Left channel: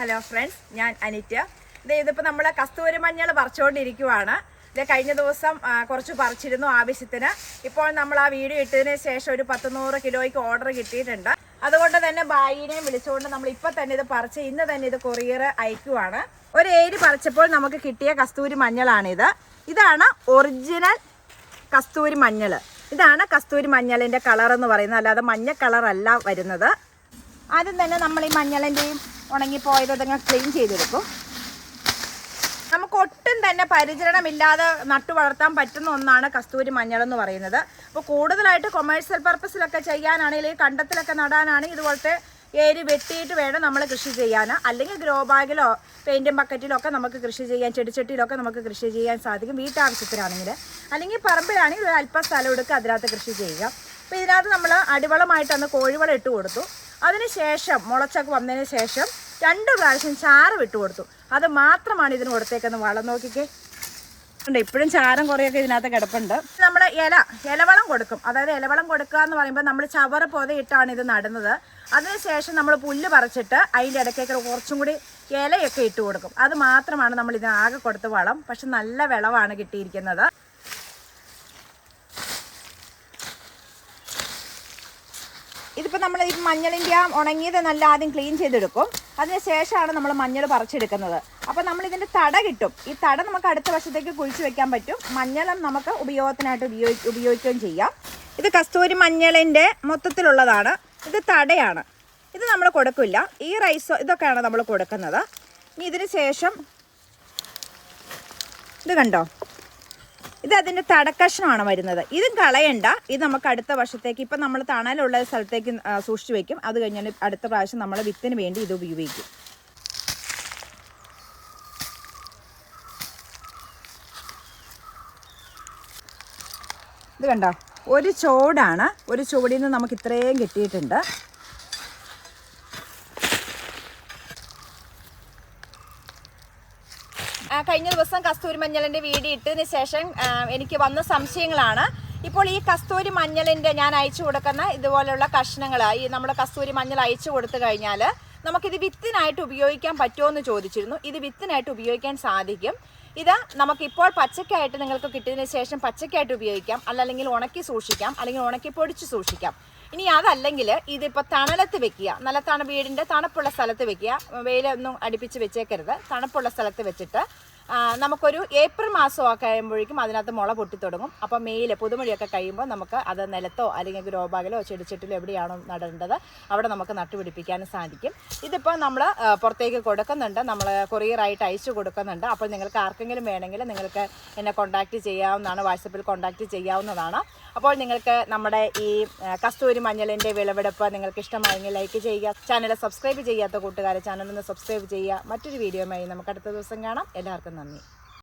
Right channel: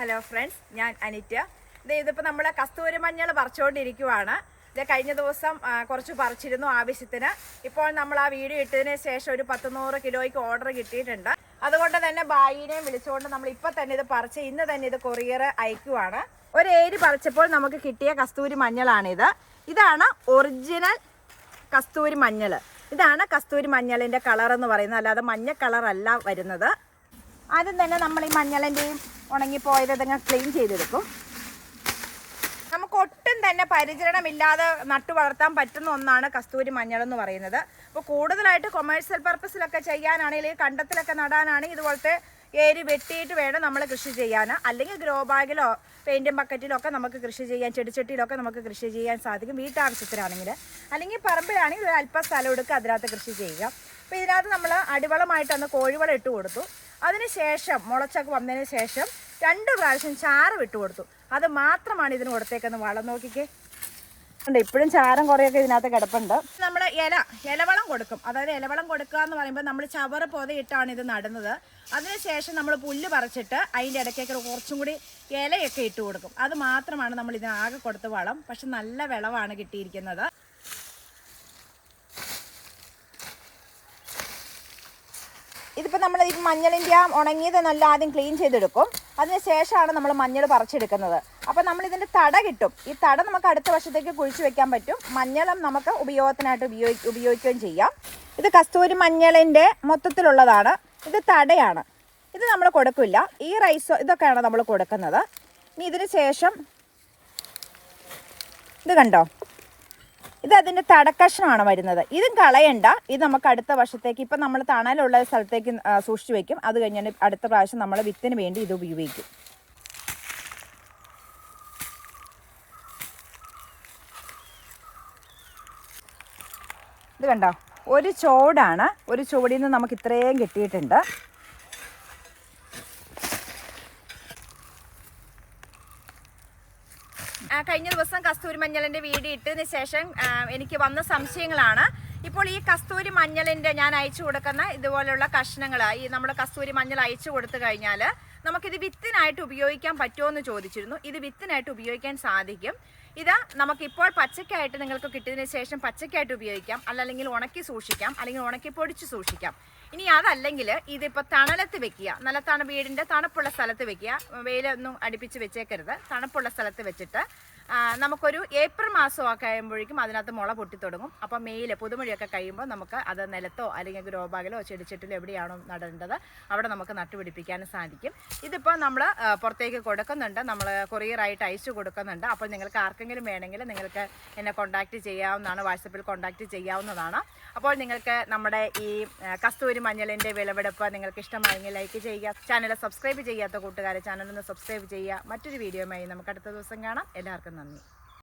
Hello friends, ഞാൻ അനിറ്റ. ഇതിപ്പോൾ നമ്മൾ കസ്തൂരി മഞ്ഞൾ പറിച്ചുകൊണ്ടിരിക്കുവാണ്. ഇത് കഴിഞ്ഞ ദിവസം കുറച്ച് പറിച്ചിരുന്നു ആവശ്യത്തിന്. ഇപ്പോൾ നമ്മൾ ആ വീഡിയോ ഇട്ടതിന് ശേഷം ഒരു 100 കിലോയ്ക്ക് ഓർഡർ കിട്ടിയിട്ടുണ്ട്. അതുകൊണ്ട് തന്നെ ബായിനെയും വിളിച്ചുകൊണ്ട് നമ്മൾ ഇപ്പോൾ തന്നെ ഇത് പറിച്ച് ഇന്ന് തന്നെ ഇത് കൊറിയർ അയക്കുവാണ്. ഒരു ഏരി പറിച്ചപ്പോൾ നമുക്ക് കിട്ടിയ കസ്തൂരി മഞ്ഞളാണിത്. ഇതാണ് ഒറിജിനൽ കസ്തൂരി മഞ്ഞൾ. ഇതാണ് കസ്തൂരി മഞ്ഞളിൻ്റെ കളർ എന്ന് പറയുന്നത്, അല്ലാതെ മഞ്ഞ കളറല്ല വരുന്നത്. ആദ്യം തന്നെ നമ്മൾ ഈ മഞ്ഞളിൻ്റെയും ഉണങ്ങിപ്പോയത് ഇതങ്ങ് ക്ലീൻ ചെയ്തെടുക്കും. നമുക്ക് ഒട്ടും തന്നെ പരിചരണമില്ലാതെ നട്ടു വളർത്താൻ പറ്റുന്ന ഒന്നാണ് കസ്തൂരി മഞ്ഞൾ എന്ന് പറയുന്നത്. അപ്പോൾ കൂടുതലായിട്ട് കൊമേഴ്സ്യൽ പർപ്പസിലൊക്കെ ചെയ്യാനാണെങ്കിൽ, കണ്ടത്തിലൊക്കെ നടാനാണെങ്കിൽ ഇതുപോലത്തെ ഏരി വെട്ടിയിട്ട് വേണം നമ്മൾ കൃഷി ചെയ്യാൻ. അല്ലെങ്കിൽ ഗ്രോ ബാഗിലോ പെയിൻറ്റും ബക്കറ്റിലോ ഒക്കെ നമുക്ക് കൃഷി ചെയ്യാൻ, ചെടിച്ചട്ടിയിലൊക്കെ നമുക്ക് കൃഷി ചെയ്യാൻ സാധിക്കും വീട്ടാവശ്യത്തിനാണെങ്കിൽ. അല്ലെങ്കിൽ പറമ്പിലാണെങ്കിൽ ഒരു അല്പം സ്ഥലം എടുക്കുക, അതിനകത്ത് കൃഷി ചെയ്യുക. അപ്പോൾ ഇതിനകത്ത് നമ്മൾ അടിവളമായിട്ടന്ന് കോഴിവളം ഇട്ട് കൊടുത്തു. അതിനുശേഷം മുളച്ചൊക്കെ വന്നതിന് ശേഷം 2 പ്രാവശ്യം ചാറ് വിട്ടു കൊടുത്തു. അത് മാത്രമാണ് ഇതിന് കൊടുത്തേക്കുന്ന വളം. നോക്കിക്കേ, ഉണ്ട് ഇപ്പോഴും ചാരം കുറേയൊക്കെ ഇതിനകത്ത് കിടപ്പുണ്ട്. നമ്മൾ ഇലവളം കൊടുക്കും. അതായത് ഇലവളം കൊടുക്കുക എന്ന് പറയുമ്പോൾ നമ്മൾ ചവറ് പൊതയിട്ടാണ് ഇത് നടുന്നത്. അതിനുശേഷം നമ്മൾ പുല്ല് പറിച്ചിട്ട് അതിൻ്റെ ഇടയ്ക്കൊക്കെ കുറച്ചും കൂടി ഇലയൊക്കെ ഇട്ട് കൊടുക്കും. അത് മാത്രമാണ് നമ്മൾ ഇതിനാകെ കൊടുത്ത വളം. പക്ഷെ നല്ല വിളവാണ് കിട്ടിയിരിക്കുന്നത്. ഇതിപ്പോൾ നമ്മൾ ഈ മഞ്ഞളിൻ്റെ ഉണങ്ങിയത് നല്ല ആദ്യം ക്ലീൻ ചെയ്തെടുക്കും. അതിന് ശേഷമാണ് നമ്മൾ മഞ്ഞൾ പറിച്ചെടുക്കുന്നത്. അപ്പോൾ നമ്മൾ ഇതിൻ്റെ തട കിട്ടും. ഈ തട നമുക്ക് അടുത്ത വർഷത്തേക്ക് കുഴിച്ച് വെക്കാൻ പറ്റും. മഞ്ഞളും നമുക്ക് ഉപയോഗത്തിനായിട്ട് ഉപയോഗിക്കുകയും ചെയ്യാം. ഇത് കസ്തൂരി മഞ്ഞളിൻ്റെ മൊത്തത്തിലുള്ളതാണ്. ഇത് തടയാണ്. ഇത് നമ്മൾ കൊടുക്കില്ല. ഈ റൈസ് ഇതൊക്കെയാണ് നമ്മൾ കൊടുക്കുന്നത്. ഇനി ഇതിന് ശേഷം ഇത് കണ്ടോ, ഇത് അതിൻ്റെ തടക്കഷ്ണമാണ് വരുന്നത്. ഇതും കളയണ്ട. ഇത് നമുക്ക് അടുത്ത വർഷത്തേക്ക്, ഇപ്പം നമ്മൾ തണലുള്ള സ്ഥലത്തേക്ക് സൂക്ഷിച്ച് വയ്ക്കും. അത് കഴിഞ്ഞാൽ അടുത്ത പ്രാവശ്യം നമ്മൾ വിത്തിന് വേണ്ടി ഇത് ഉപയോഗിക്കും. ഇത് കണ്ടോ, ഒരു ചോടാണ്. ഒരു ചോടിൽ നിന്ന് നമുക്ക് ഇത്രയും കിട്ടിയിട്ടുണ്ട്. കഴിഞ്ഞ ദിവസം കസ്തൂരി മഞ്ഞളിൻ്റെ വീഡിയോ ഇട്ടതിന് ശേഷം എനിക്ക് വന്ന സംശയങ്ങളാണ്. ഇപ്പോൾ ഈ കസ്തൂരി മഞ്ഞളിൻ്റെ ഞാൻ അയച്ചു കൊടുക്കുന്ന ഇതുപോലുള്ള കഷ്ണങ്ങൾ, ഈ നമ്മൾ കസ്തൂരി മഞ്ഞൾ അയച്ചു കൊടുത്തു കഴിഞ്ഞാൽ നമുക്കിത് വിത്തിനായിട്ട് ഉപയോഗിക്കാൻ പറ്റുമോ എന്ന് ചോദിച്ചിരുന്നു. ഇത് വിത്തിനായിട്ട് ഉപയോഗിക്കാൻ സാധിക്കും. ഇത് നമുക്കിപ്പോൾ പച്ചക്കായിട്ട് നിങ്ങൾക്ക് കിട്ടിയതിന് ശേഷം പച്ചക്കായിട്ട് ഉപയോഗിക്കാം, അല്ലെങ്കിൽ ഉണക്കി സൂക്ഷിക്കാം, അല്ലെങ്കിൽ ഉണക്കി പൊടിച്ച് സൂക്ഷിക്കാം. ഇനി അതല്ലെങ്കിൽ ഇതിപ്പോൾ തണലത്ത് വെക്കുക. നല്ല വീടിൻ്റെ തണുപ്പുള്ള സ്ഥലത്ത് വെക്കുക. വെയിലൊന്നും അടുപ്പിച്ച് വെച്ചേക്കരുത്. തണുപ്പുള്ള സ്ഥലത്ത് വെച്ചിട്ട് നമുക്കൊരു ഏപ്രിൽ മാസമൊക്കെ കഴിയുമ്പോഴേക്കും അതിനകത്ത് മുള പൊട്ടി തുടങ്ങും. അപ്പോൾ മെയിൽ പുതുമഴയൊക്കെ കഴിയുമ്പോൾ നമുക്ക് അത് നിലത്തോ അല്ലെങ്കിൽ ഗ്രോ ബാഗിലോ ചെടിച്ചട്ടിലോ എവിടെയാണോ നടേണ്ടത് അവിടെ നമുക്ക് നട്ടുപിടിപ്പിക്കാനും സാധിക്കും. ഇതിപ്പോൾ നമ്മൾ പുറത്തേക്ക് കൊടുക്കുന്നുണ്ട്. നമ്മൾ കൊറിയറായിട്ട് അയച്ചു കൊടുക്കുന്നുണ്ട്. അപ്പോൾ നിങ്ങൾക്ക് ആർക്കെങ്കിലും വേണമെങ്കിൽ നിങ്ങൾക്ക് എന്നെ കോൺടാക്റ്റ് ചെയ്യാവുന്നതാണ്. വാട്സപ്പിൽ കോൺടാക്റ്റ് ചെയ്യാവുന്നതാണ്. അപ്പോൾ നിങ്ങൾക്ക് നമ്മുടെ ഈ കസ്തൂരി മഞ്ഞളിൻ്റെ വിളവെടുപ്പ് നിങ്ങൾക്ക് ഇഷ്ടമായെങ്കിൽ ലൈക്ക് ചെയ്യുക. ചാനൽ സബ്സ്ക്രൈബ് ചെയ്യാത്ത കൂട്ടുകാരെ ചാനലൊന്ന് സബ്സ്ക്രൈബ് ചെയ്യുക. മറ്റൊരു വീഡിയോയുമായി നമുക്ക് അടുത്ത ദിവസം കാണാം. എല്ലാവർക്കും നന്ദി.